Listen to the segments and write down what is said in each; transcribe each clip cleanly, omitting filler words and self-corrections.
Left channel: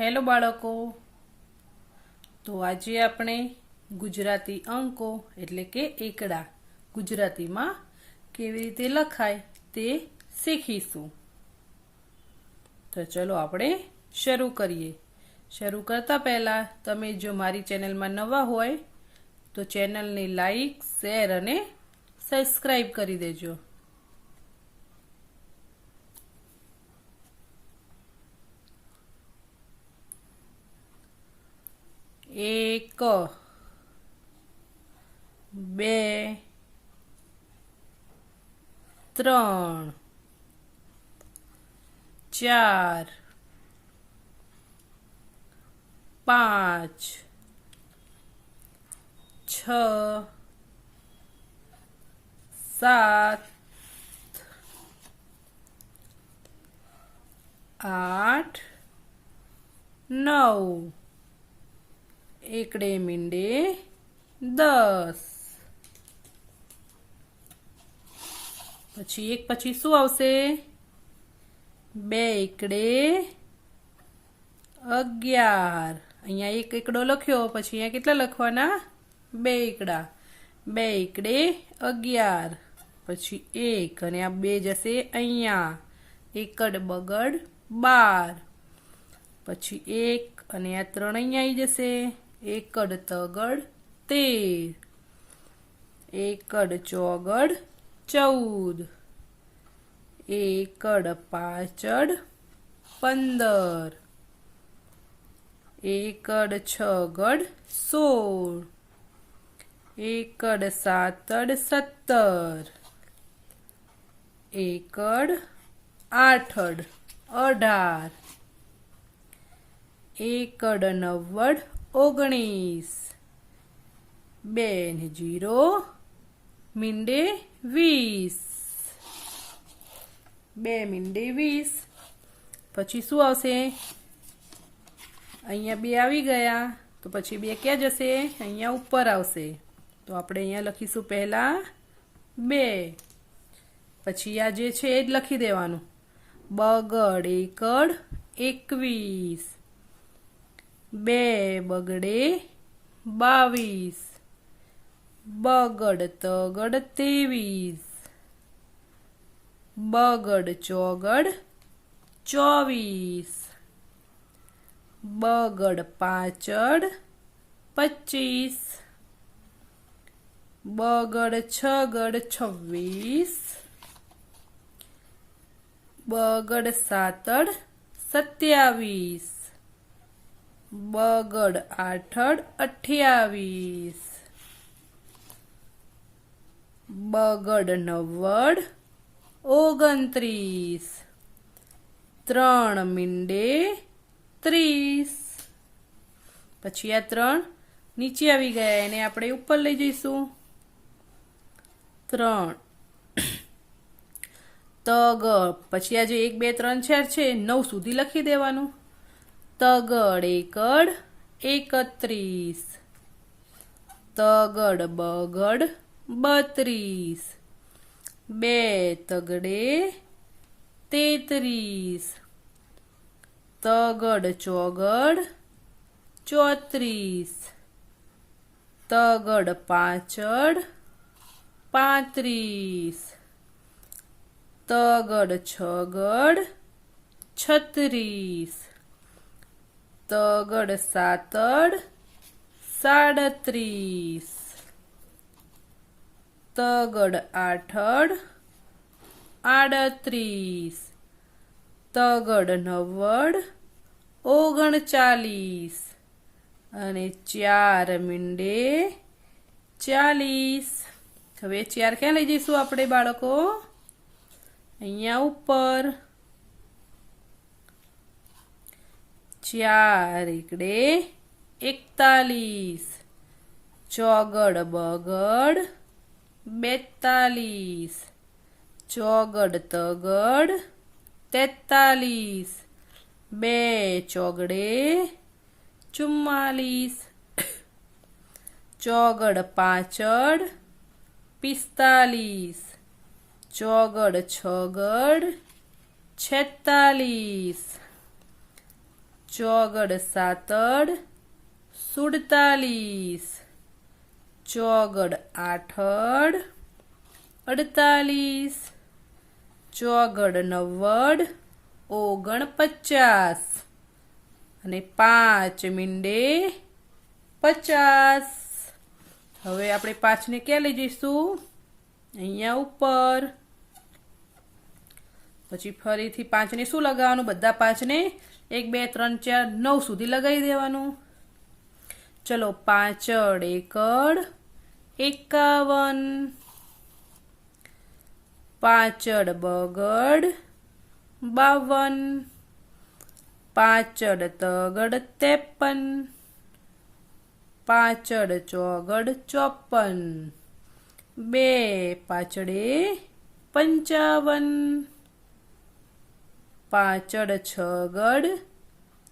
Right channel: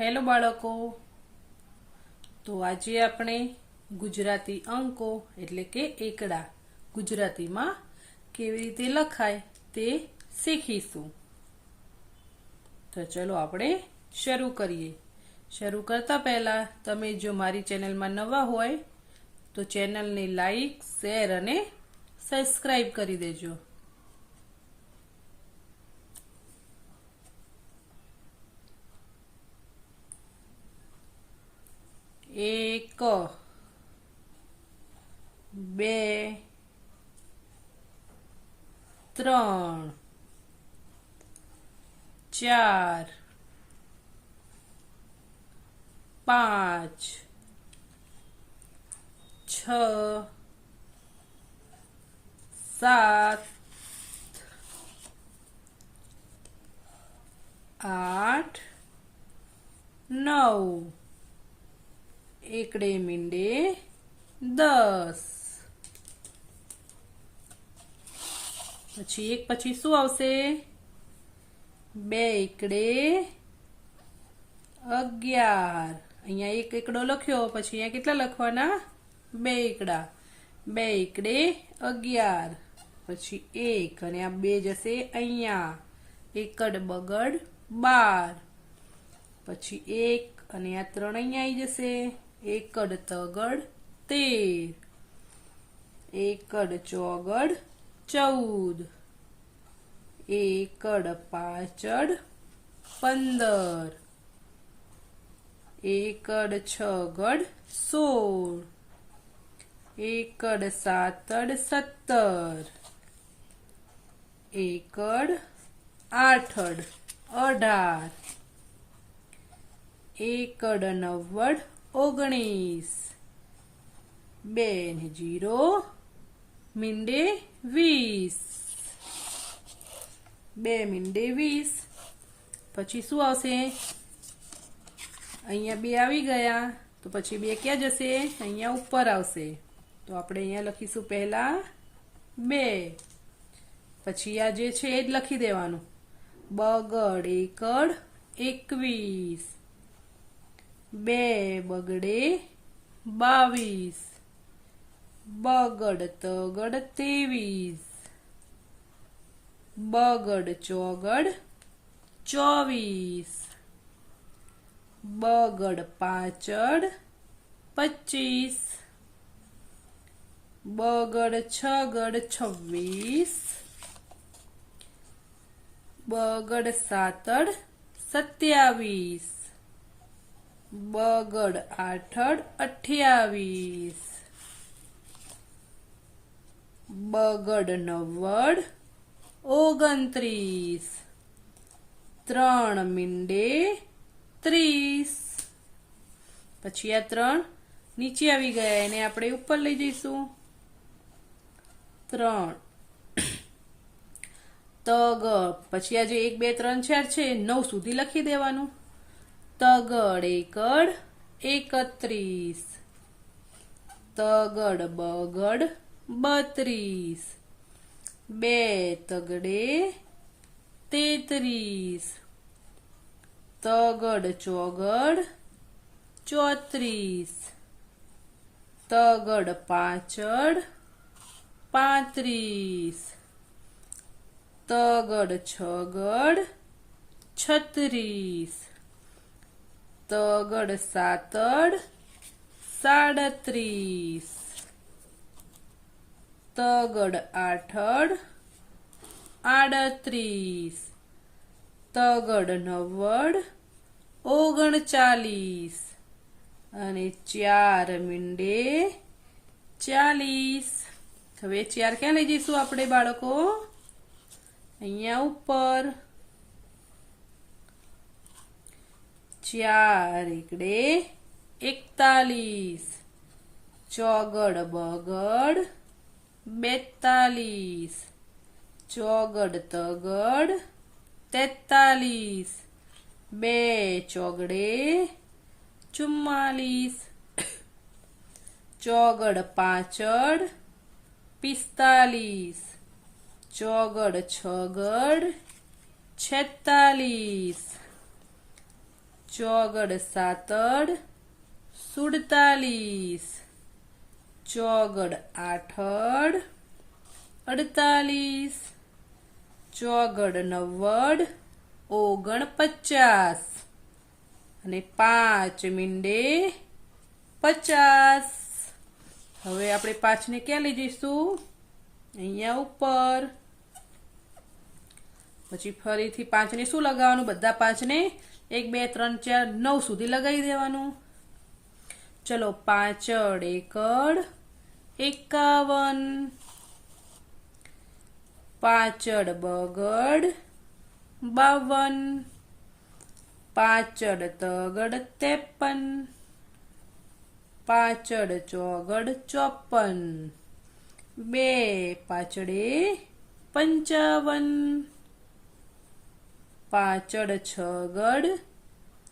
Hello બાળકો, તો આજે આપણે ગુજરાતી અંકો એટલે કે એકડા ગુજરાતીમાં કેવી રીતે લખાય તે શીખીશું. તો ચલો આપણે શરૂ કરીએ. શરૂ કરતા પહેલા તમે જો મારી ચેનલમાં નવા હોય તો ચેનલને લાઈક, શેર અને સબસ્ક્રાઇબ કરી દેજો. એક, બે, ત્રણ, ચાર, પાંચ, છ, સાત, આઠ, નવ, એકડે મીંડે 10. પછી એક પછી શું આવશે? 2 એકડે 11. અહીંયા એક એકડો લખ્યો, પછી અહીંયા કેટલા લખવાના? 2 એકડા. 2 એકડે 11. પછી 1 અને આ 2 જશે અહીંયા. એકડ બગડ 12. પછી 1 અને આ 3 અહીંયા આવી જશે. એકડ તગડ 13. એકડ ચોગડ 14. એકડ પાછળ 15. એકડ છગડ 16. એકડ સાતડ 17. એકડ આઠડ 18. એકડ નવ્વડ 19. 2 ને 0 મીંડે 20. 2 મીંડે 20. પછી શું આવશે? અહીંયા 2 આવી ગયા, તો પછી 2 ક્યાં જશે? અહીંયા ઉપર આવશે. તો આપણે અહીંયા લખીશું પહેલા 2. પછી આ જે છે એ જ લખી દેવાનું. બગડ એકડ 21. 2 બગડે 22. બગડ તગડ 23. બગડ ચોગડ 24. બગડ પાછળ 25. બગડ છગડ 26. બગડ સાતડ 27. બગડ આઠડ 28. બગડ નવ્વડ 29. 3 મીંડે 30. પછી આ 3 નીચે આવી ગયા, એને આપણે ઉપર લઈ જઈશું. 3 તગડ. પછી આ જે 1 2 3 4 છે 9 સુધી લખી દેવાનું. તગડ એકડ 31. તગડ બગડ 32. 2 તગડે 33. તગડ ચોગડ 34. તગડ પાછળ 35. તગડ છગડ 36. તગડ સાતડ 37. તગડ આઠડ 38. તગડ નવ્વડ 39. અને 4 મીંડે 40. હવે 4 ક્યાં લઈ જઈશું આપણે બાળકો? અહીંયા ઉપર. 4 એકડે 41. ચોગડ બગડ 42. ચોગડ તગડ 43. 2 ચોગડે 44. ચોગડ પાછળ 45. ચોગડ છગડ 46. ચોગડ સાતડ 47, ચોગડ આઠડ 48, ચોગડ નવ્વડ 49 અને 5 મીંડે 50. હવે આપણે 5 ને ક્યાં લઈ જઈશું? અહીંયા ઉપર. પછી ફરીથી 5 ને શું લગાવવાનું? બધા 5 ને 1 2 3 4 9 સુધી લગાવી દેવાનું. ચલો 5 એકડ 51, 5 બગડ 52, 5 તગડ 53, 5 ચોગડ 54, 2 પાંચડે 55, 5 છગડ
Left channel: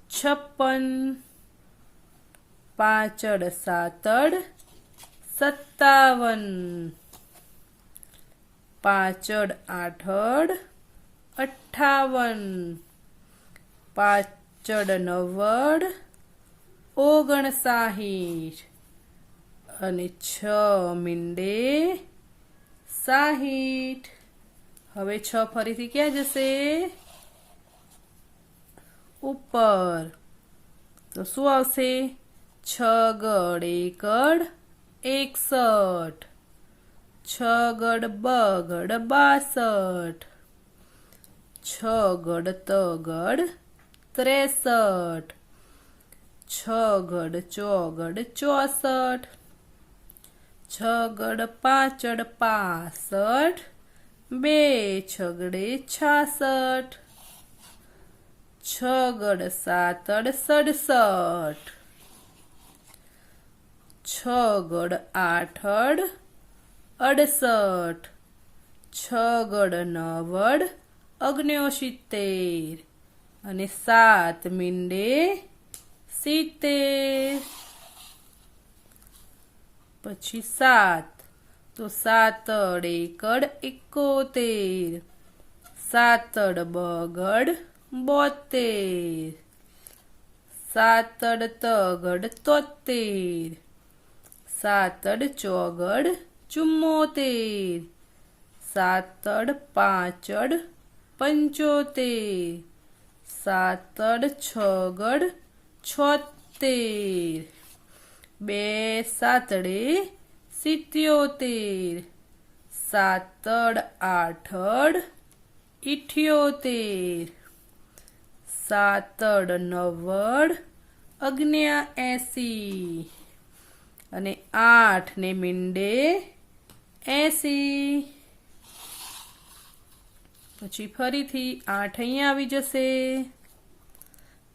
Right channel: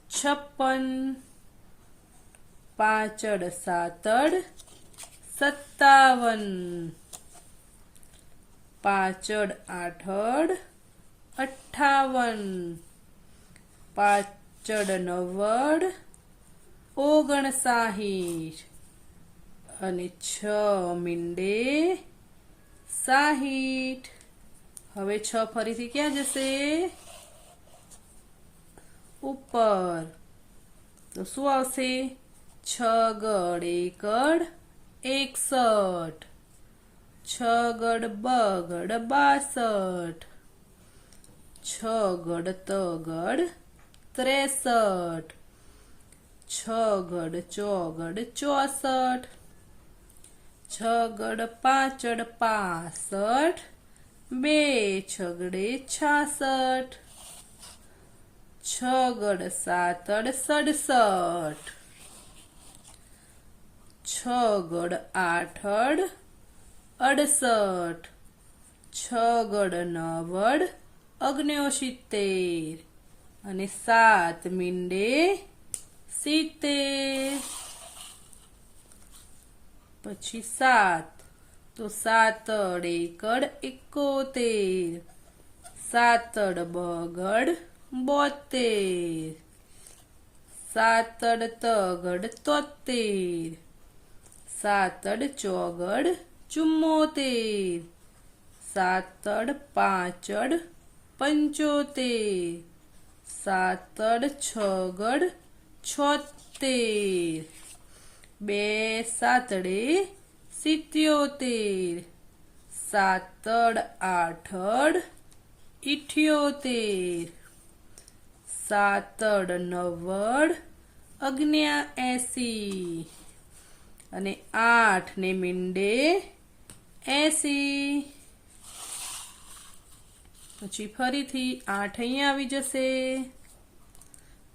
56, 5 સાતડ 57, 5 આઠડ 58, 5 નવ્વડ 59 અને 6 મીંડે 60. હવે 6 ફરીથી ક્યાં જશે? ઉપર. તો શું આવશે? છગડ એકડ 61, છગડ બગડ 62, છગડ તગડ 63, છગડ ચોગડ 64, છગડ પાંચડ 65, 2 છગડે 66, છગડ સાતડ 67, છગડ આઠડ 68, છગડ નવડ 69 અને 7 મીંડે 70. પછી 7, તો સાતડ એકડ 71, સાતડ બગડ 72, સાતડ તગડ 73, સાતડ ચોગડ 74, સાતડ પાંચડ 75, સાતડ છગડ 76, 2 સાતડે 77, સાતડ આઠડ 78, સાતડ નવ્વડ 79 અને 8 ને મીંડે 80. પછી ફરીથી 8 અહીંયા આવી જશે.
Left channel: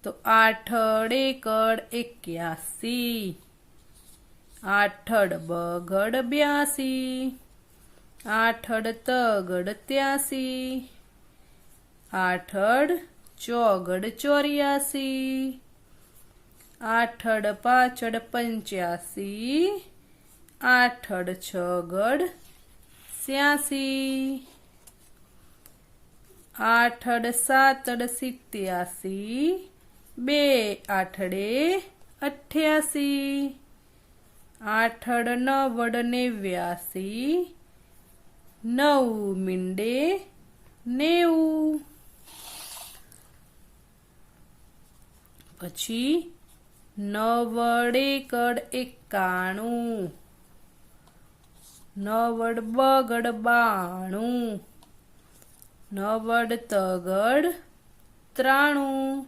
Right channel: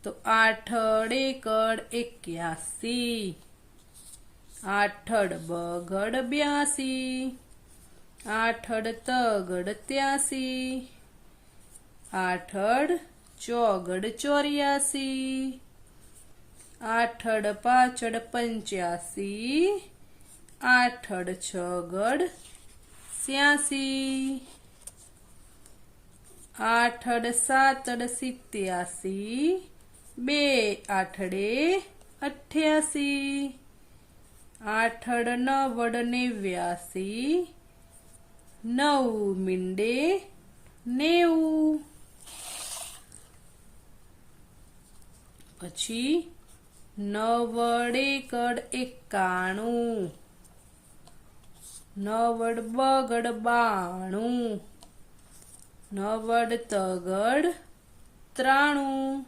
તો આઠડ એકડ 81, આઠડ બગડ 82, આઠડ તગડ 83, આઠડ ચોગડ 84, આઠડ પાછડ 85, આઠડ છગડ 86, આઠડ સાતડ 87, 2 આઠડે 88, આઠડ નવડ 89, 9 મીંડે 90. પછી નવડ એકડ 91, નવડ બગડ 92, નવડ તગડ 93,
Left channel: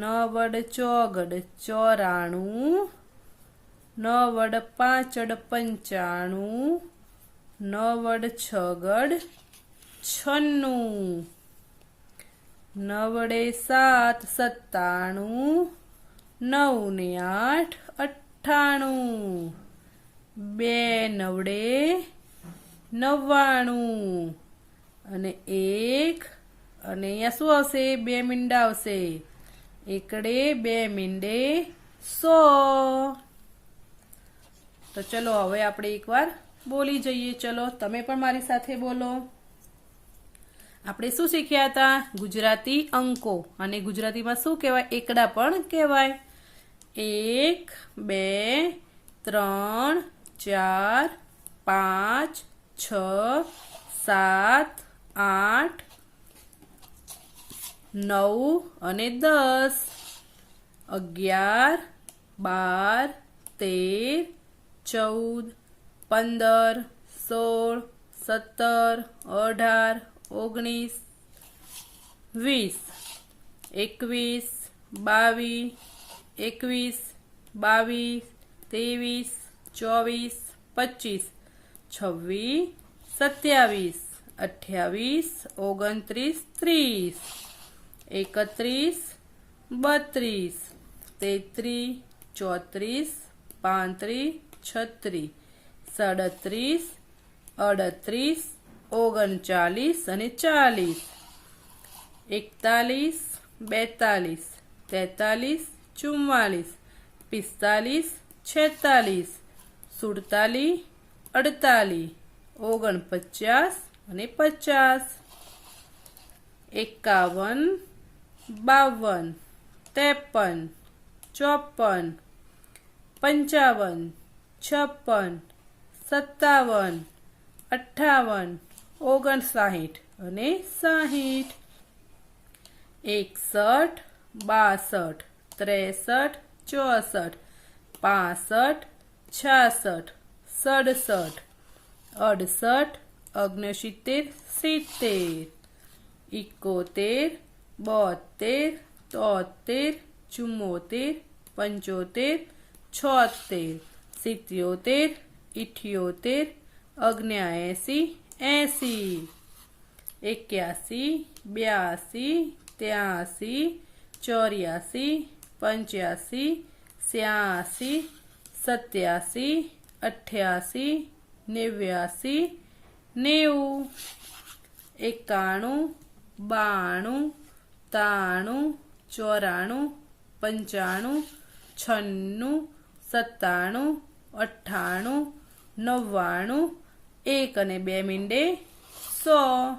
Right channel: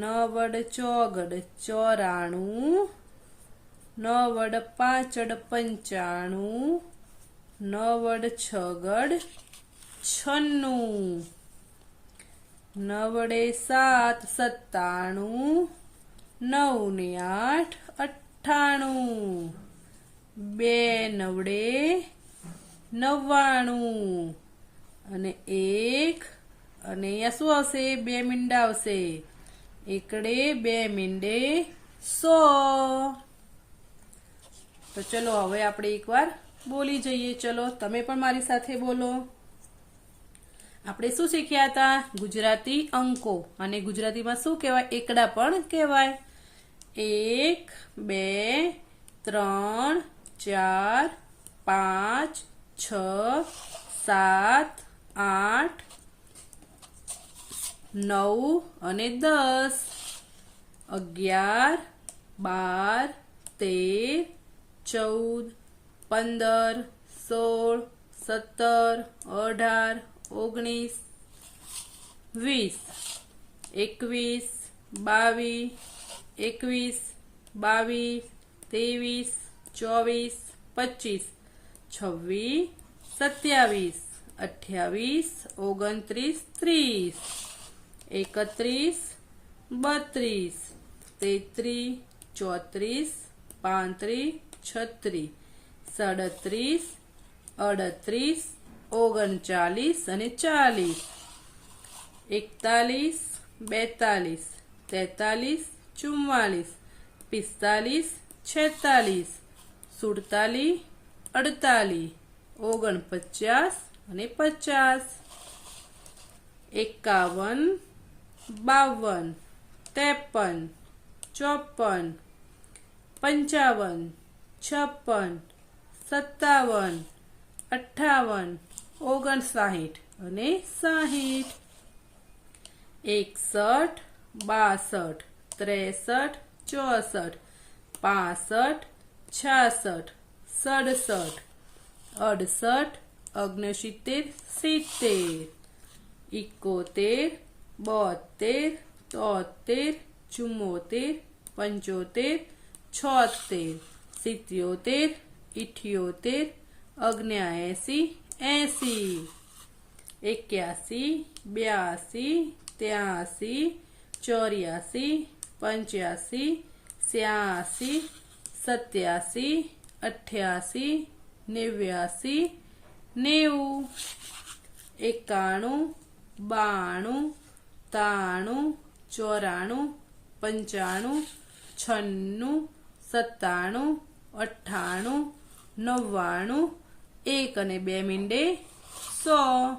નવડ ચોગડ 94, નવડ પાંચડ 95, નવડ છગડ 96, નવડે 7 97, 9 ને 8 98, 2 નવડે 99 અને 1 અને અહીંયા શું આવશે? 2 મીંડા આવશે. એકડે 2 મીંડે 100. તો ચલો હવે આપણે એકવાર બોલી જઈએ. ચલો તમે પણ મારી સાથે બોલો. આપણે શું શીખ્યા હતા? ગુજરાતી અંકો. અને ગુજરાતીમાં શું કહેવાય? એકડા પણ કહેવાય. 1 2 3 4 5 6 7 8 9 અને 10, 11 12 13 14 15 16 17 18 19 20 21 22 21 22 23 24 25 26 27 28 29 30 31 32 33 34 35 36 37 38 39 અને 40, 41 42 43 44 45 46 47 48 49 અને 50, 51 52 53 54 55 56 57 58 59 અને 60, 61 62 63 64 65 66 67 68 69 70 71 72 73 74 75 76 77 78 79 80 81 82 83 84 85 86 87 88 89 90 91 92 93 94 95 96 97 98 99 1 અને 2 મીંડે 100.